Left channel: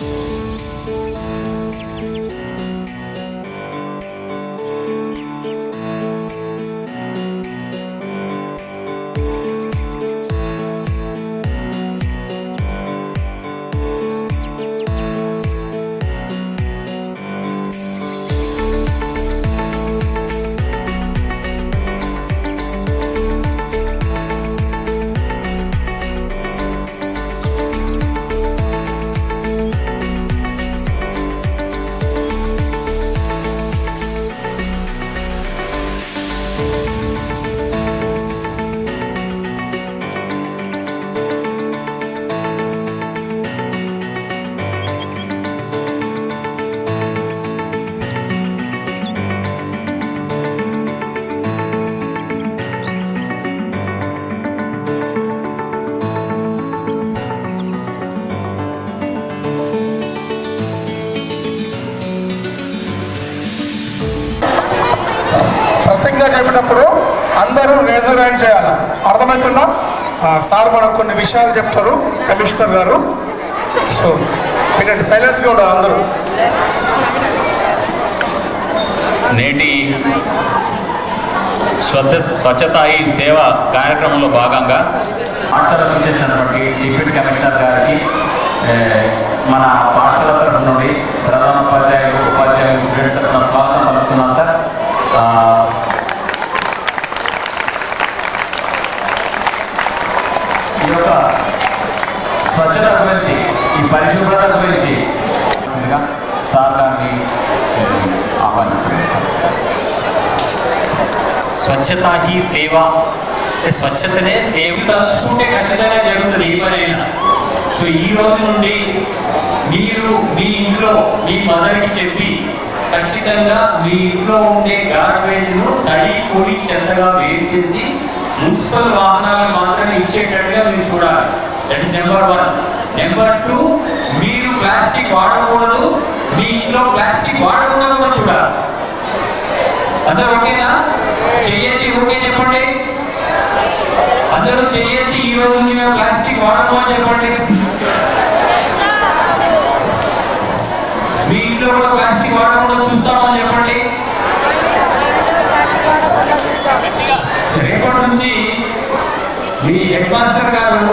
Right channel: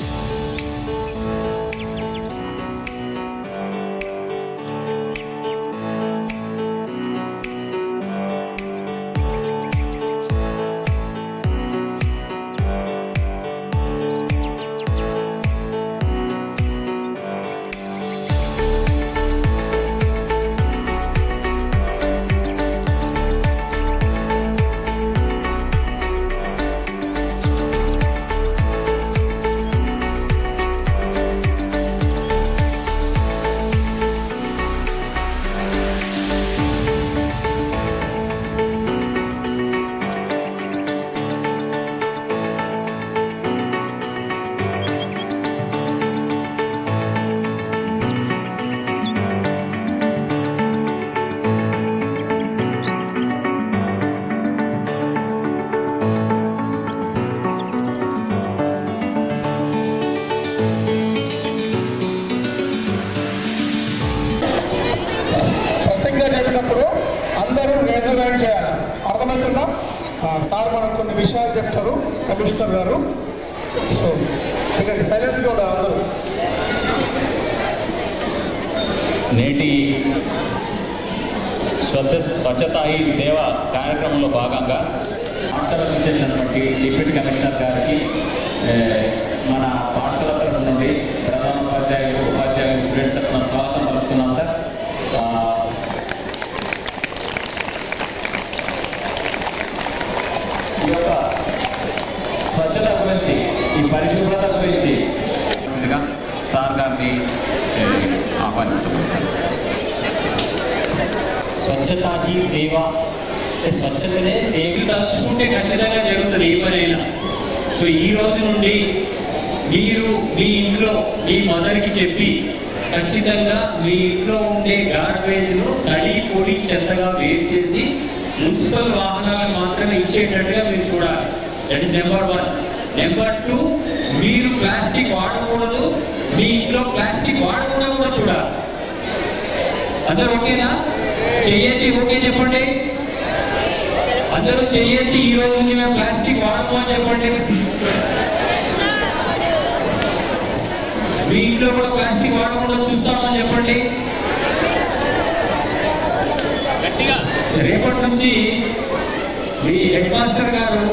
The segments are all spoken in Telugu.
Bye. ప్రతిజ్ఞ చెప్పినప్పుడు అందరూ రేజర్ హ్యాండ్ చేయాలి. అర్థమవుతుందా? సార్ మనకు కొన్ని విషయాలు చెప్తారు కమిషనర్ గారు. సో వినండి సైలెన్స్గా ఉండాలి అందరూ. నేటి స్వచ్ఛ స్వచ్ఛతా సేవ కార్యక్రమంలో భాగంగా పాఠశాల చేసినటువంటి డిప్యూటీ కమిషనర్ గారికి మన పాఠశాల తరఫు నుండి ప్రధాన ఉపాధ్యాయులు ఉపాధ్యాయులు స్టూడెంట్ తరఫున స్వాగతం పలుకుతున్నాం సార్. ఈ యొక్క స్వచ్ఛత గురించి ఈ పరిశుభ్రత గురించి సార్ గారిని ఆహ్వానిస్తున్నాను సార్. స్వచ్ఛత హీ సేవ. అంటే స్వచ్ఛతనే సేవ తలుచుకుంటే ఖచ్చితంగా జరుగుతుంది ఏ పనైనా. సో ఈ రోజు నుండి మీరు మీ ఇంట్లో మీ మదర్కి చెప్పి ఖచ్చితంగా మీ ఇంట్లో ఉండే గార్బేజ్ను తడి పొడి చెత్తగా వేరు చేసి మున్సిపల్ వాహనాలకు మాత్రమే ఇచ్చేటట్టుగా మీరు చూడాలి. That is number one number two మీరు ప్లాస్టిక్ వాడకూడదు. మీ ఇంట్లో ప్లాస్టిక్ వాడకుండా కూడా చూడాలి. అందరూ ఓకేనా? చెయ్యేసి ఓకే చెప్పండి. అందరూ చెయ్యేసి ఈ రోజు మేము ప్లాస్టిక్ వాడము అని చెప్పండి. మీ ఇంట్లో కూడా ప్లాస్టిక్ వాడకుండా చూస్తామని చెప్పండి రేపటి నుంచి మీ హెడ్ మాస్టర్ గారు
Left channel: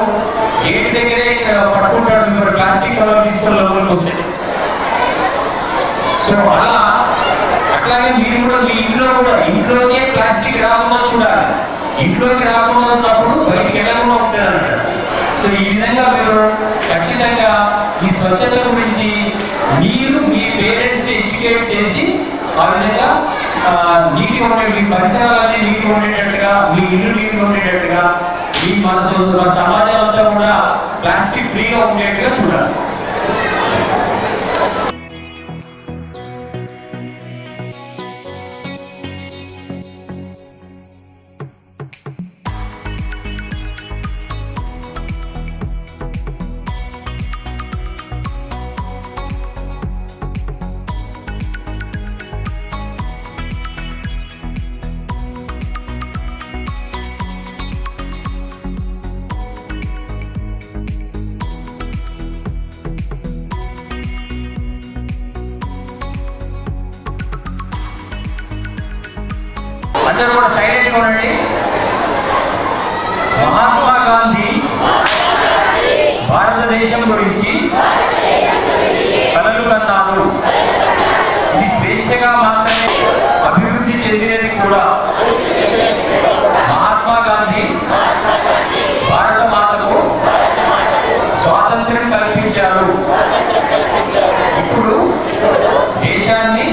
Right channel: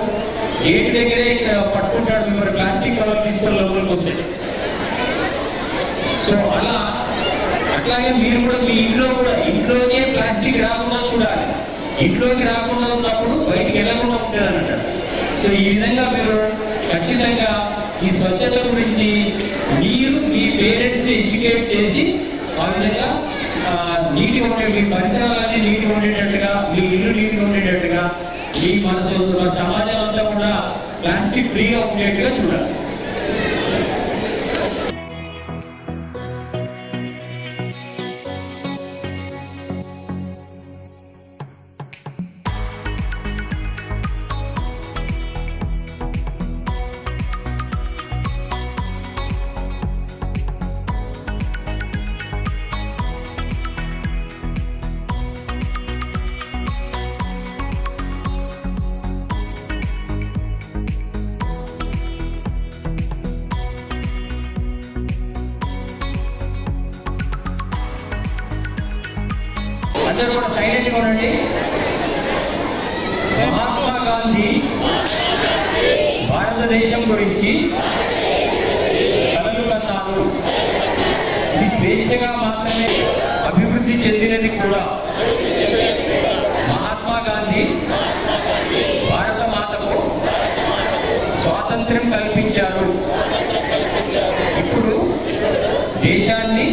గేట్ దగ్గరే ఇక్కడ పట్టుకుంటాడు మిమ్మల్ని ప్లాస్టిక్ కవర్ తీసుకొని లోపలికి వస్తే సో అలా అట్లాగే మీరు కూడా మీ ఇంట్లో కూడా ఇంట్లోకే ప్లాస్టిక్ రాకుండా చూడాలి. ఇంట్లోకి రాకుండా ఉన్నప్పుడు బయటికి వెళ్ళకుండా ఉంటుంది సో ఈ విధంగా మీరు ఖచ్చితంగా ఈ స్వచ్ఛత గురించి మీరు మీ పేరెంట్స్ ఎడ్యుకేట్ చేసి ఆ విధంగా నీటి నీటిగా ఉండే మీ పరిసరాలన్నీ మన సమాజం అంతా కూడా ప్లాస్టిక్ ఫ్రీగా ఉండేట్టుగా చూడాలి. సైలెంట్గా ఉండండి. మహాత్మా గాంధీ భారతదేశం గురించి కలలు కన్నారు ఇది స్వేచ్ఛగా మాత్రమే అభివృద్ధి చెందినది కూడా మహాత్మా గాంధీ భారత మాతకు స్వాతంత్ర్యం కల్పించారు ఇప్పుడు దేశాన్ని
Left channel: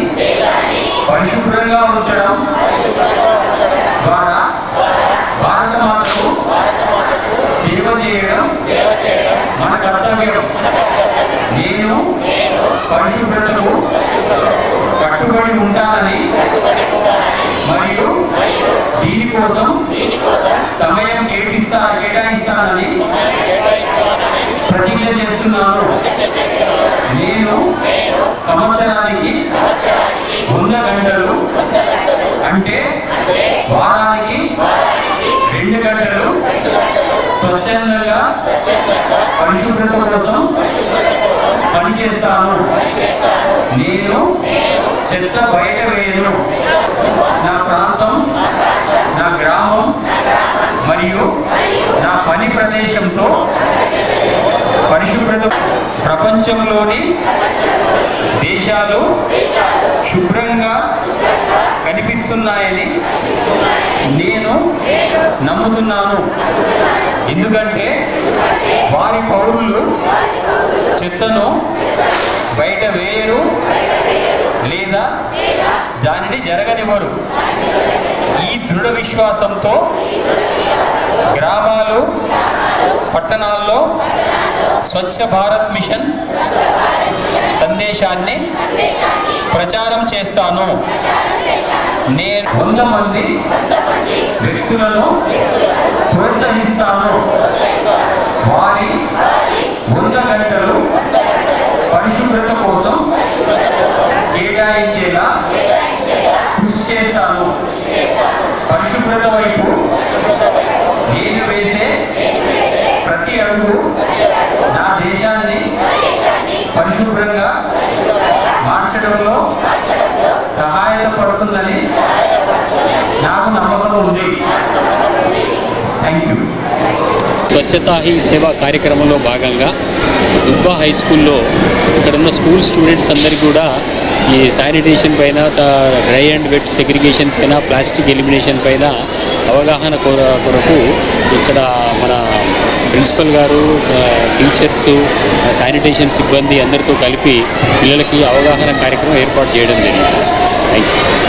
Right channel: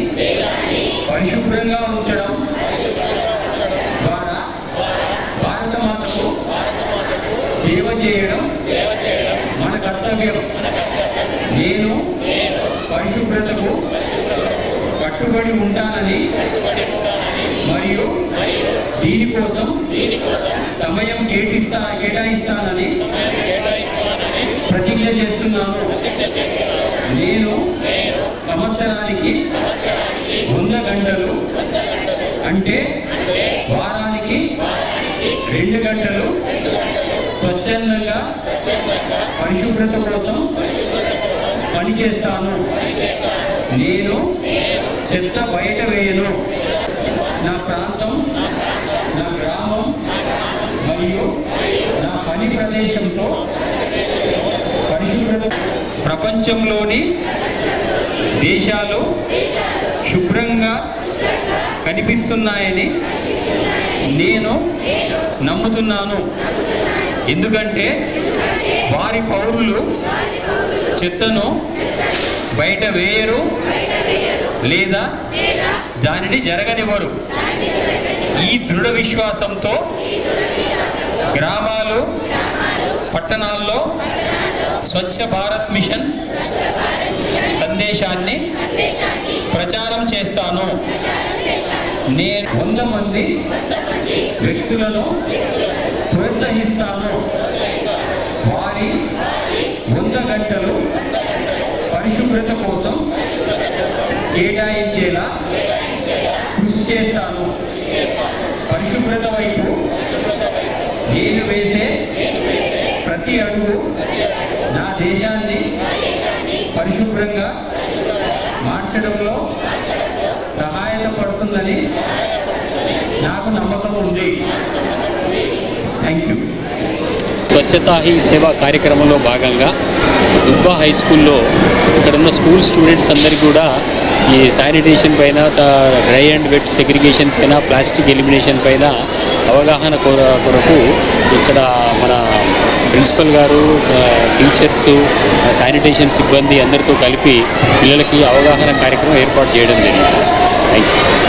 పరిశుభ్రంగా ఉంచడం ద్వారా భారత మాతకు సేవ చేయడం మన కర్తవ్యం నేను పరిశుభ్రతకు కట్టుబడి ఉంటానని మరియు దీనికోసం సమయం కేటిస్తా కేటాయిస్తానని ప్రతిజ్ఞ చేస్తున్నాను. నేను సంవత్సరానికి వంద గంటలు అంటే వారానికి రెండు గంటలు స్వచ్ఛందంగా పరిశుభ్రత కోసం పనిచేస్తాను. నేను చెత్త బయట వేయను నా ప్రాంతం నా గ్రామం మరియు నా పని ప్రదేశంతో పరిశుభ్రత ప్రపంచంలోని దేశాలు శుభ్రంగా కనిపిస్తున్నాయని నేను నమ్ముతున్నాను. ఎందుకంటే వారి పౌరులు చెత్తను బయట వేయరు. లేదా దానిని జరగనివ్వరు. ఈ దృఢ విశ్వాసంతో గ్రామాలు పట్టణాల్లో స్వచ్ఛ భారత్ మిషన్ సందేశాన్ని ప్రచారం చేస్తాను. నేను వంద మంది వ్యక్తులను ప్రోత్సహిస్తాను. వారి వంద గంటలు పరిశుభ్రత కోసం కేటాయించేలా కృషి చేస్తాను వైపు నేను వేసే ప్రతి అడుగు నా దేశాన్ని పరిశుభ్రంగా మార్చడంలో సహాయపడుతుందని నాకు నమ్మకం ఉంది. థ్యాంక్ యూ స్వచ్ఛతా హీ సేవా కార్యక్రమంలో భాగంగా దుబ్బా హై స్కూల్లో ఇక్కడున్న స్కూల్ స్టూడెంట్స్ అందరికీ కూడా ఈ శానిటేషన్ పైన డ్రై అండ్ వెట్ సెగ్రిగేషన్ పైన ప్లాస్టిక్ ఎలిమినేషన్ పైన అవగాహన కొర కొరకు ఇక్కడ మన ప్రిన్సిపల్ గారు టీచర్స్ శానిటేషన్ సిబ్బంది అందరితో కలిపి పిల్లలకి అవగాహన కార్యక్రమం ఏర్పాటు చేయడం జరిగింది. Thank you